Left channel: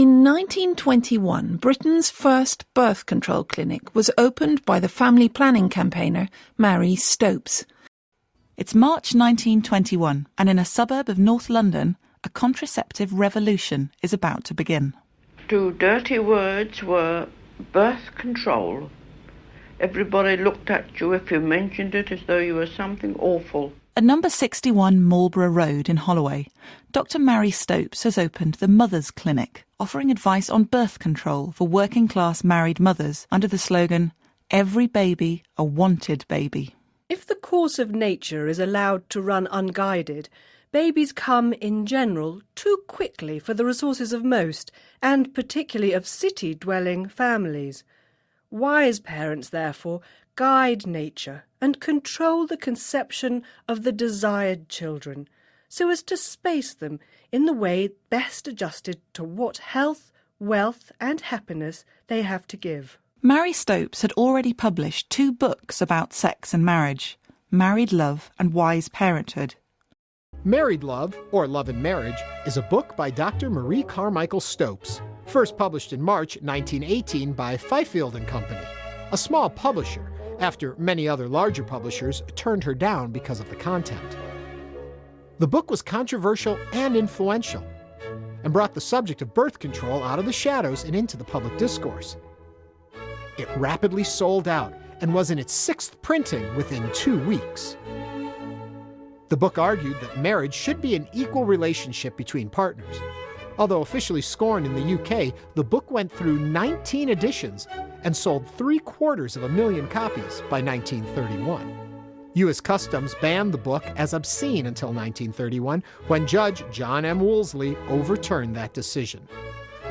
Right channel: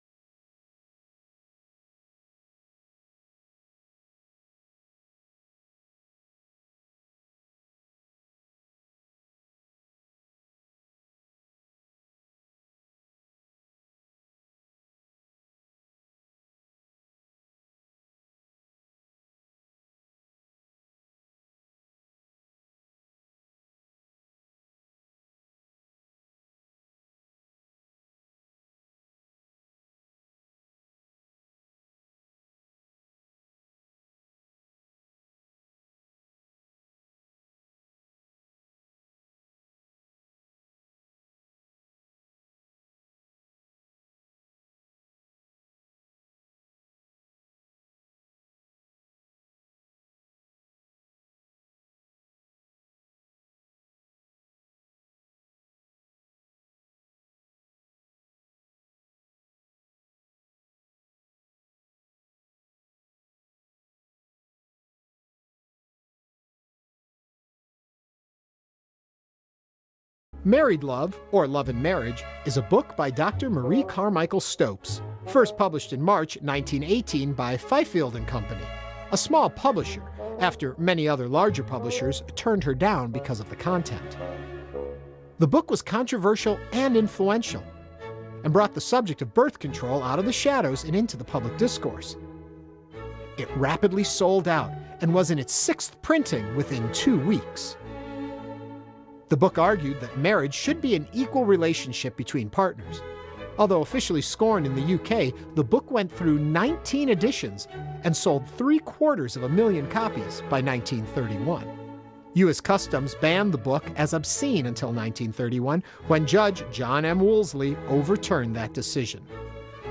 In 1921, Britain's first birth control clinic was opened by the family planning campaigner Mary Stopes. It's March 1921, and in a suburb of North London, a contraceptive revolution is about to begin. 2 dirty words were birth control. Everybody looked at you if you mentioned it as though you were something awful. At number 61 Marlborough Road in Holloway, Dr. Mary Stopes has opened the Mothers Clinic, offering advice on birth control for working-class married mothers under the slogan, "Every baby a wanted baby." If the course of nature is allowed to run unguided, babies come, in general, too quickly for the resources of most, and particularly of city-dwelling families. Wise parents, therefore, guide nature and control the conception of the desired children, so as to space them in the way best adjusted to what health, wealth and happiness they have to give. Mary Stopes had already published 2 books about sex and marriage, Married Love and Wise Parenthood. Married Love, or Love and Marriage, is a book by Dr. Marie Carmichael Stopes, first published in March 1918 by Fifield & Company, a small publisher, after many other larger publishers turned her down because of the content. The book was controversial and influential, and brought the subject of birth control out of the shadows and into the public discourse. It rapidly sold out and was in its 6th printing within 2 weeks. The book argued that marriage should be an equal relationship between partners. Although officially scorned in the UK, the book went through 19 editions and sold 750,000 copies by 1931. U.S. Customs banned the book as obscene until 1931, when Judge John M. Woolsey overturned that decision.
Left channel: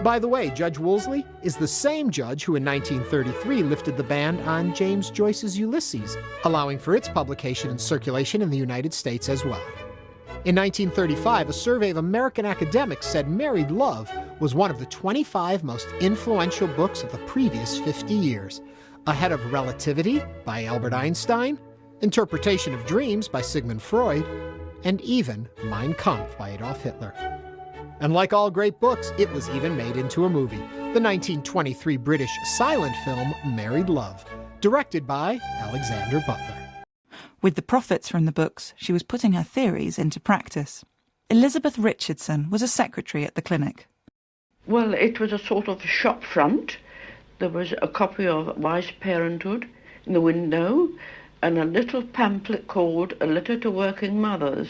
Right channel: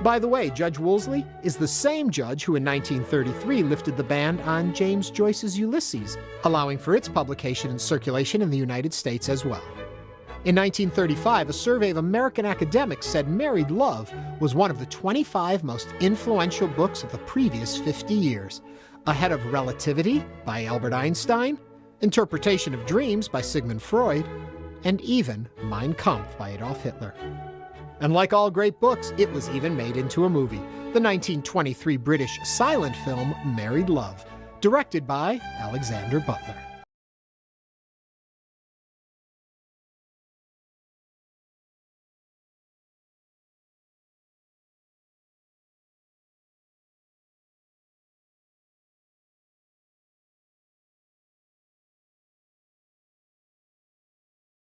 By the way, Judge Woolsey is the same judge who in 1933 lifted the ban on James Joyce's Ulysses, allowing for its publication and circulation in the United States as well. In 1935, a survey of American academics said Married Love was one of the 25 most influential books of the previous 50 years, ahead of Relativity by Albert Einstein, Interpretation of Dreams by Sigmund Freud, and even Mein Kampf by Adolf Hitler. And like all great books, it was even made into a movie, the 1923 British silent film Married Love, directed by Alexander Butler. With the profits from the books, she was putting her theories into practice. Elizabeth Richardson was a secretary at the clinic. Well, it was a sort of shop front. There was a copy of Wise Parenthood in the window and a little pamphlet called A Letter to Working Mothers.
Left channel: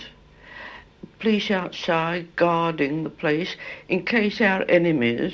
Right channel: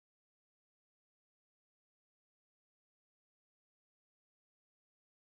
Police outside guarding the place in case our enemies,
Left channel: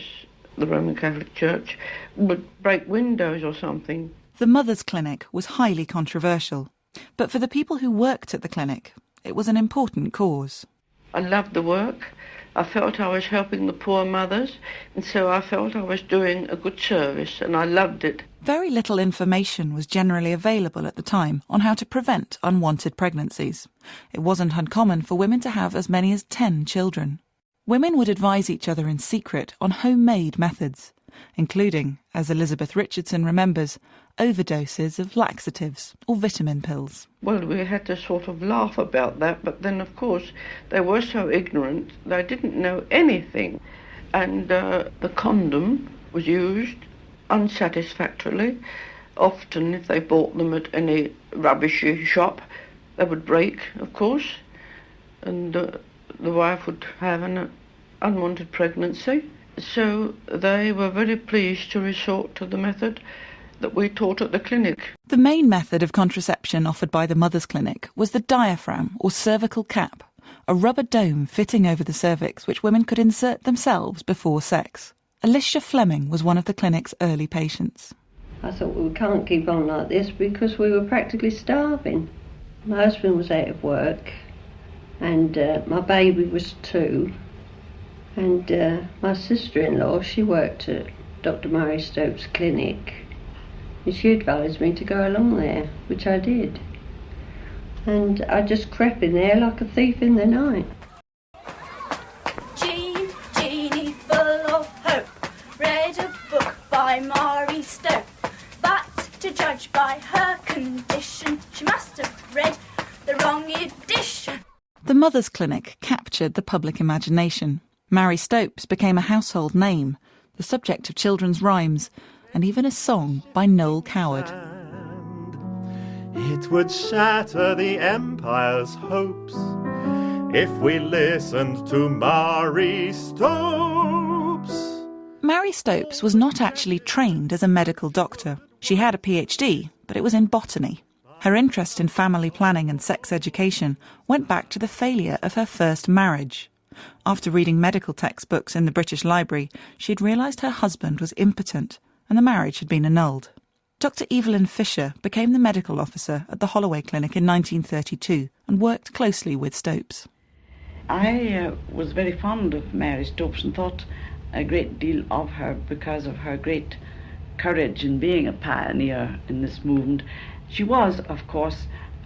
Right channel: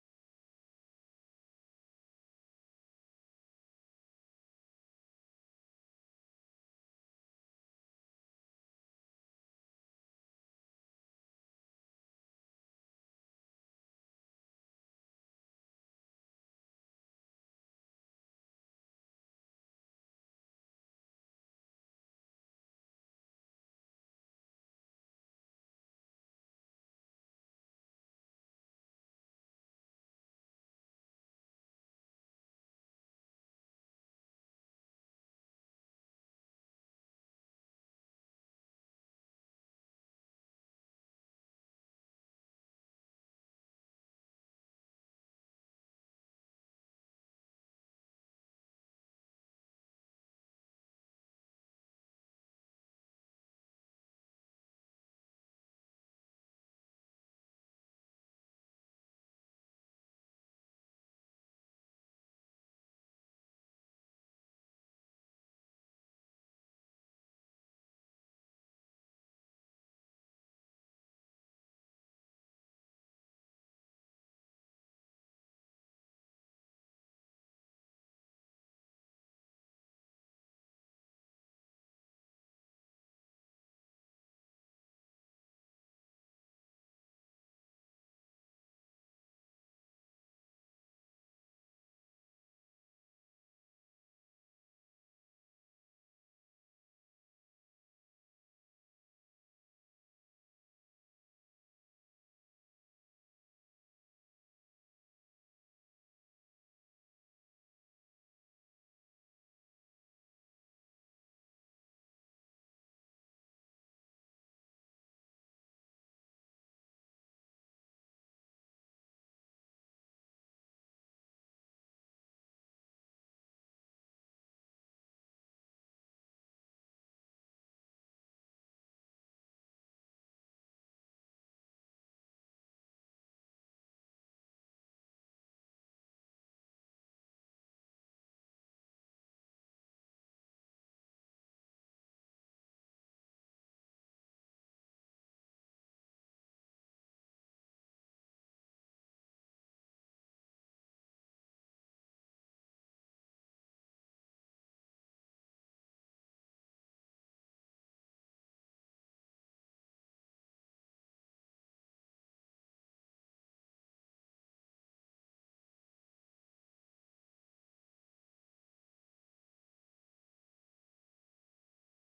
the Roman Catholic Church, would break windows or something. The Mothers Clinic was highly controversial. But for the people who worked at the clinic, it was an important cause. I loved the work. I felt I was helping the poor mothers, and so I felt I was doing a good service, and I loved it. Very little information was generally available at the time on how to prevent unwanted pregnancies. It wasn't uncommon for women to have as many as 10 children. Women would advise each other in secret on homemade methods, including, as Elizabeth Richardson remembers, overdoses of laxatives or vitamin pills. Well, we had to sort of laugh about that, but then, of course, they were so ignorant, they didn't know anything. And the condom was used unsatisfactorily. Often, if they bought them at any rubbishy shop, they would break, of course, and the wife would have an unwanted pregnancy. So they were very pleased to resort to the method that we taught at the clinic. The main method of contraception offered by the Mothers Clinic was the diaphragm or cervical cap, a rubber dome fitting over the cervix which women could insert themselves before sex. Alicia Fleming was one of the clinic's early patients. I thought, well, we can't keep on like this because we were practically starving. My husband was out of work and my baby was 2. And my sister-in-law, she worked at Dr. Mary Stopes' clinic, and she advised me to go along there, which I did. And I just crept in there like a thief in the night. Jean, Jeanie, full of hope, read a book by Mary Stopes, but to judge by her condition, she must have read the wrong edition. The Mothers Clinic captured the public imagination. Mary Stopes became a household name, the subject of children's rhymes, and even a song by Noel Coward. It would shatter the empire's hopes if we listened to Mary Stopes. Mary Stopes was not actually trained as a medical doctor. She had a PhD, but it was in botany. Her interest in family planning and sex education went back to the failure of her first marriage. After reading medical textbooks in the British Library, she had realised her husband was impotent and the marriage had been annulled. Dr. Evelyn Fisher became the medical officer at the Holloway Clinic in 1932 and worked closely with Stopes. I was very fond of Mary Stopes and thought a great deal of her because of her great courage in being a pioneer in this movement. She was, of course,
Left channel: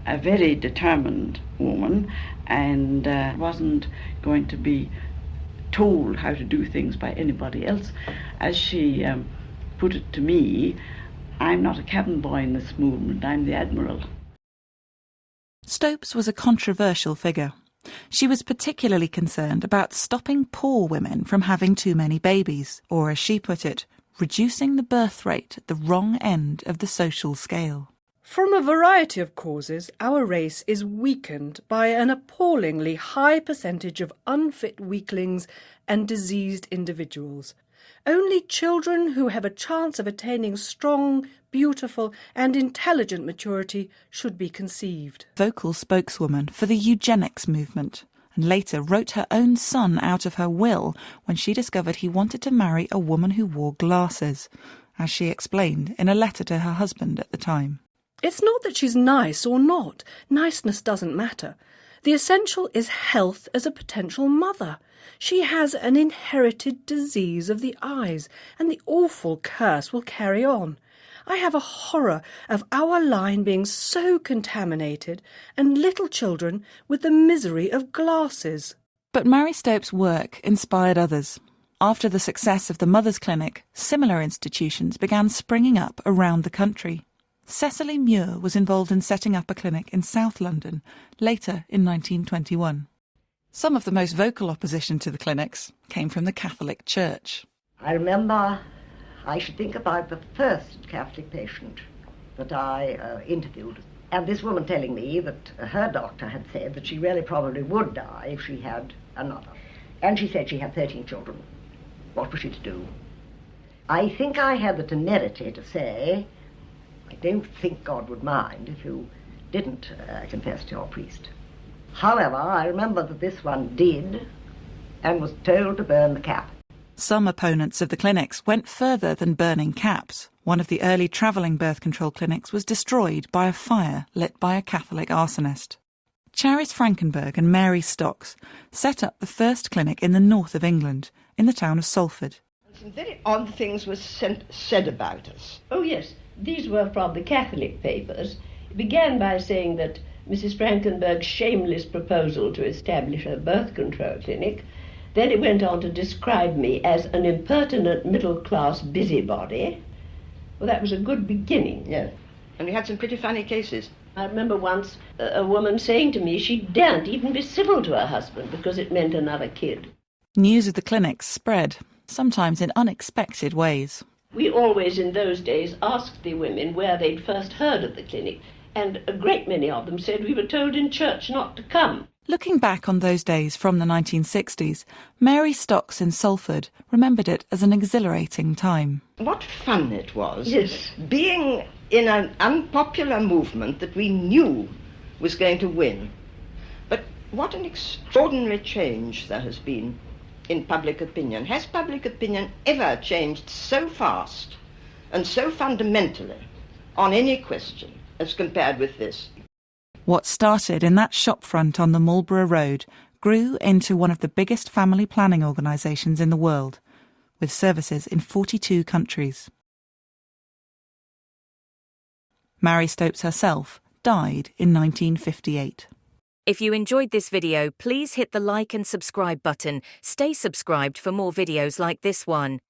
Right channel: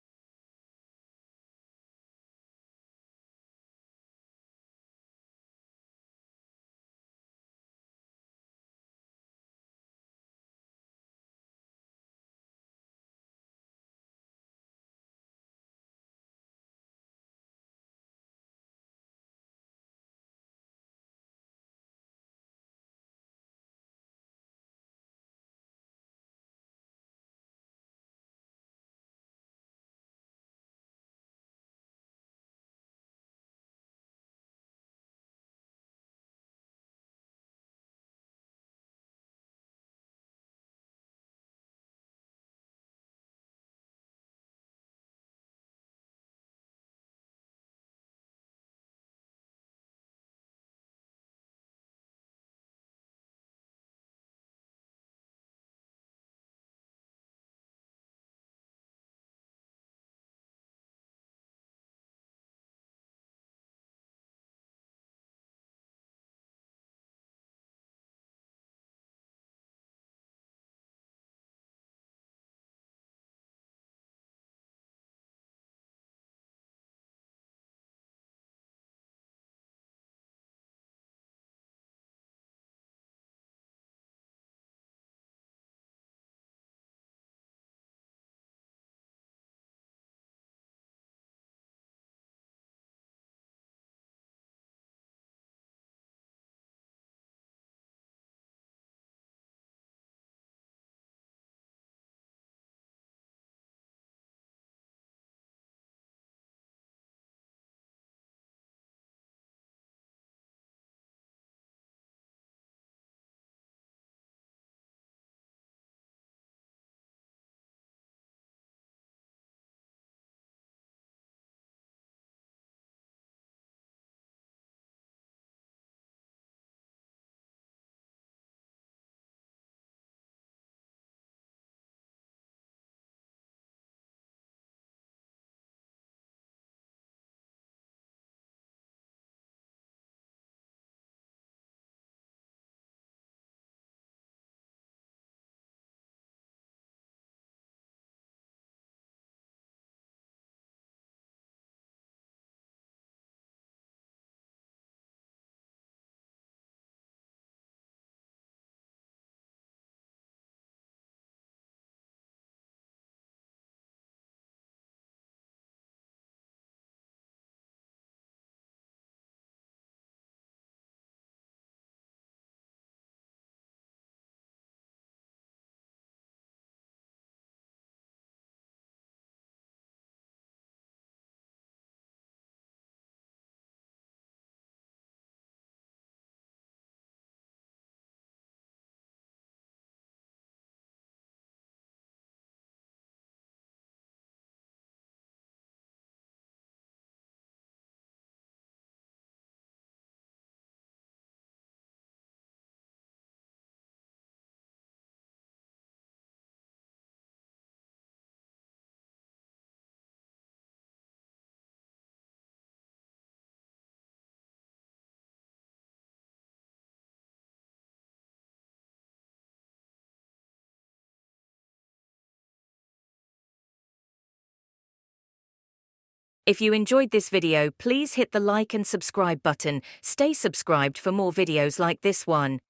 a very determined woman and wasn't going to be told how to do things by anybody else. As she put it to me, I'm not a cabin boy in this movement, I'm the Admiral. Stopes was a controversial figure. She was particularly concerned about stopping poor women from having too many babies, or as she put it, reducing the birth rate at the wrong end of the social scale. From a variety of causes, our race is weakened by an appallingly high percentage of unfit weaklings and diseased individuals. Only children who have a chance of attaining strong, beautiful and intelligent maturity should be conceived. Vocal spokeswoman for the eugenics movement, and later wrote her own son out of her will when she discovered he wanted to marry a woman who wore glasses, as she explained in a letter to her husband at the time. It's not that she's nice or not. Niceness doesn't matter. The essential is health as a potential mother. She has an inherited disease of the eyes, and the awful curse will carry on. I have a horror of our line being so contaminated, and little children with the misery of glasses. But Mary Stopes' work inspired others. After the success of the Mothers' Clinic, similar institutions began springing up around the country. Cecily Muir was involved in setting up a clinic in South London, later in 1921. Some of the most vocal opposition to the clinics came from the Catholic Church. I remember, I should think about the first Catholic patient that I interviewed, and this woman telling me that her doctor had said that she really probably would die if she had another. And she said she had 13 children. What was she to do? I think I had the temerity to say, I don't think God would mind if you didn't confess to your priest. However, I remember that this one did and was told to burn the cap. Some opponents of the clinics went further than burning caps. One of the early travelling birth control clinics was destroyed by a fire lit by a Catholic arsonist. Charis Frankenberg and Mary Stocks set up the first clinic in the north of England, in the town of Salford. Some very odd things were said about us. Oh yes, these were from the Catholic papers. It began by saying that Mrs. Frankenberg's shameless proposal to establish a birth control clinic. Then it went on to describe me as an impertinent middle-class busybody. Well, that was a good beginning. Yes, and we had some pretty funny cases. I remember once a woman saying to me she daren't even be civil to her husband because it meant another kid. News of the clinics spread, sometimes in unexpected ways. We always in those days asked the women where they'd first heard of the clinic, and a great many of them said we were told in church not to come. Looking back on those days from the 1960s, Mary Stocks in Salford remembered it as an exhilarating time. What fun it was, yes, being in an unpopular movement that we knew was going to win. But what an extraordinary change there has been in public opinion. Has public opinion ever changed so fast and so fundamentally on any question as compared with this? What started in that shopfront on the Marlborough Road grew into one of the biggest family planning organisations in the world, with services in 42 countries. Mary Stopes herself died in 1958. If you enjoyed this video, please hit the like and subscribe button. Stay subscribed for more videos like this one.